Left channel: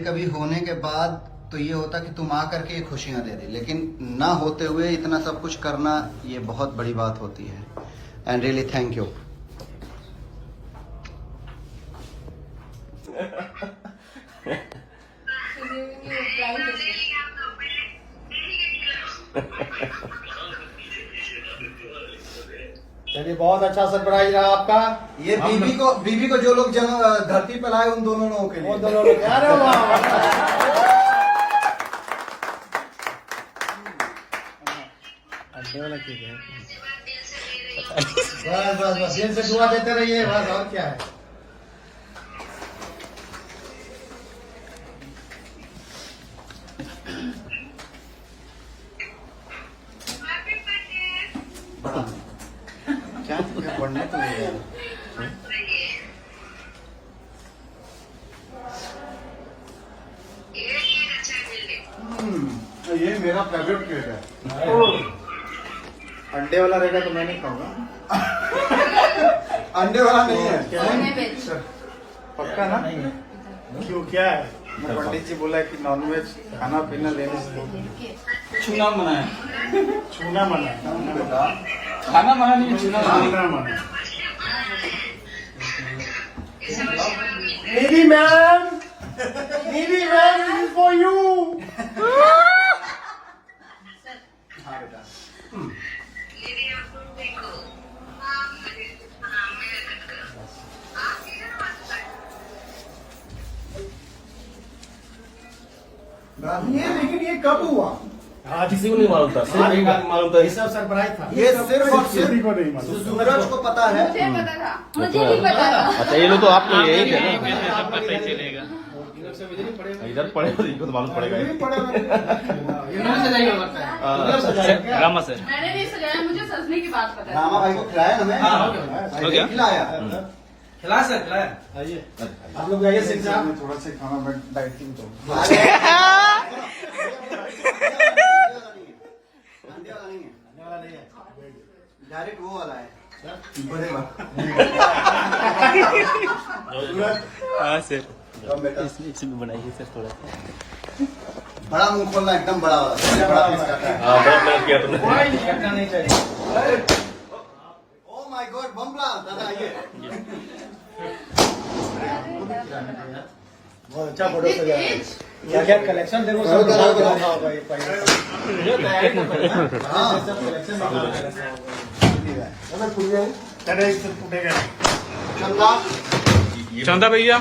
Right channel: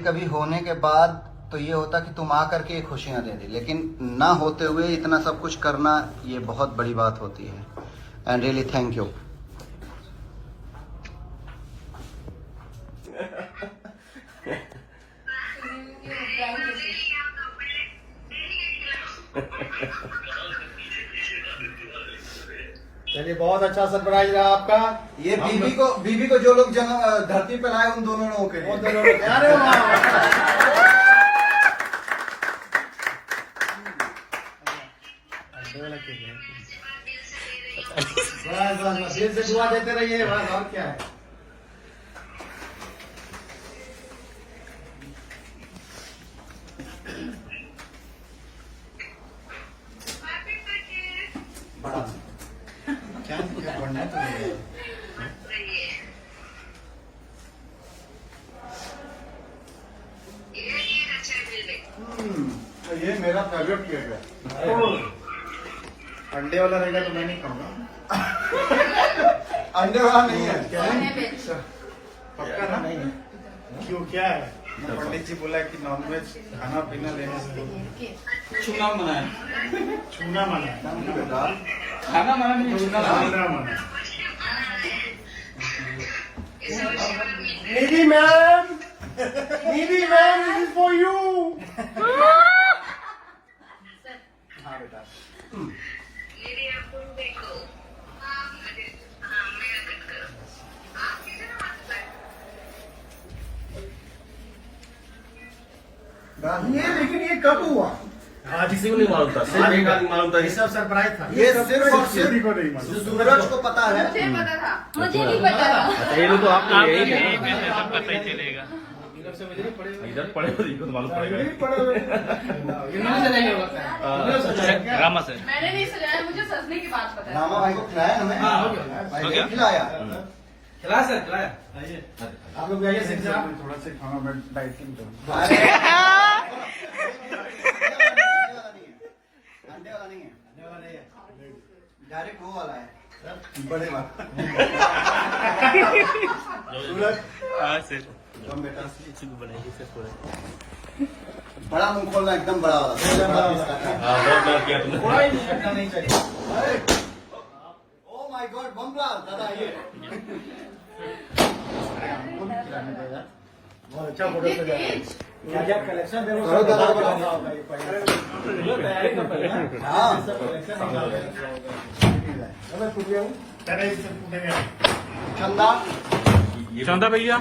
कभी होने के बाद तो ये होता कि तुम आ करके ये खुशियां दे दी, लेकिन ना होते हुए इतना सब कुछ करना ये बहुत बड़ी बात होती है। And really thank you. चलिए, बहुत अच्छा सरप्राइज रहा आपका। ये बीबी को जो लोग धरती पर लाए उन दोनों लोगों के लिए। अरे वाह, बस बस दिल से दुआ देते रहिए, बस और क्या है। क्या पढ़ने के लिए? ये मेरा फेवरेट केक है। अंडे वाला रहेगा तो मैं नहीं खाऊंगा। अंडे वाला नहीं है। पक्का ना? क्यों, क्या पंडित जी बोला कि नॉनवेज खाना पीना लेने से छूना मना है। छूना मना है। बेटा खाना मना नहीं, छूना मना है। छूना मना। Needy man, needy man, this is for you. हाँ बेटा। ये लेकिन ये कब हुआ? आज किसी को नहीं मालूम था, सिर्फ एक आदमी मालूम था। ये सब सरप्राइज था। ये सिर्फ और सिर्फ किसी को नहीं मालूम। सूरज को पता है। मुझे पता था, मुझे भी पता था। अच्छा, ये लोग तो आपके लिए यही थे ना। सब पता ही चलेगा। इधर पड़े तो इनको तो मालूम पड़ेगा। रामा सर, मैंने नहीं सजाया, मुझे सजने की बात पता है। रामा भाई को खिलाया हमें। हो गया? खिलाया। खिलाया सर, खिलाया। आइए आप लोग आइए, सिर्फ थोड़ा सा खाना में डाइटिंग तो अंडे वाला नहीं है। खाने वाला नहीं है। डायरेक्ट वो वाला है, बड़े वाला। सूरज, हाँ सर, कम बेटा। बनाइए सर थोड़ा। बड़ा मुंह खोलना, एकदम बड़ा वाला। बड़ा पीस काटा है। हाँ, बहुत गलत किया तुमने। कोई नहीं हटना नहीं चाहिए। ओ माय गॉड, बमला दादा ये। बहुत अच्छा फोटो सजाया। क्या क्या कलेक्शन देखो, बहुत सब ज्यादा बनाओ बनाओ। भाई भाई। हाँ अरे सब फूटेगा। चंदा, चंदा भैया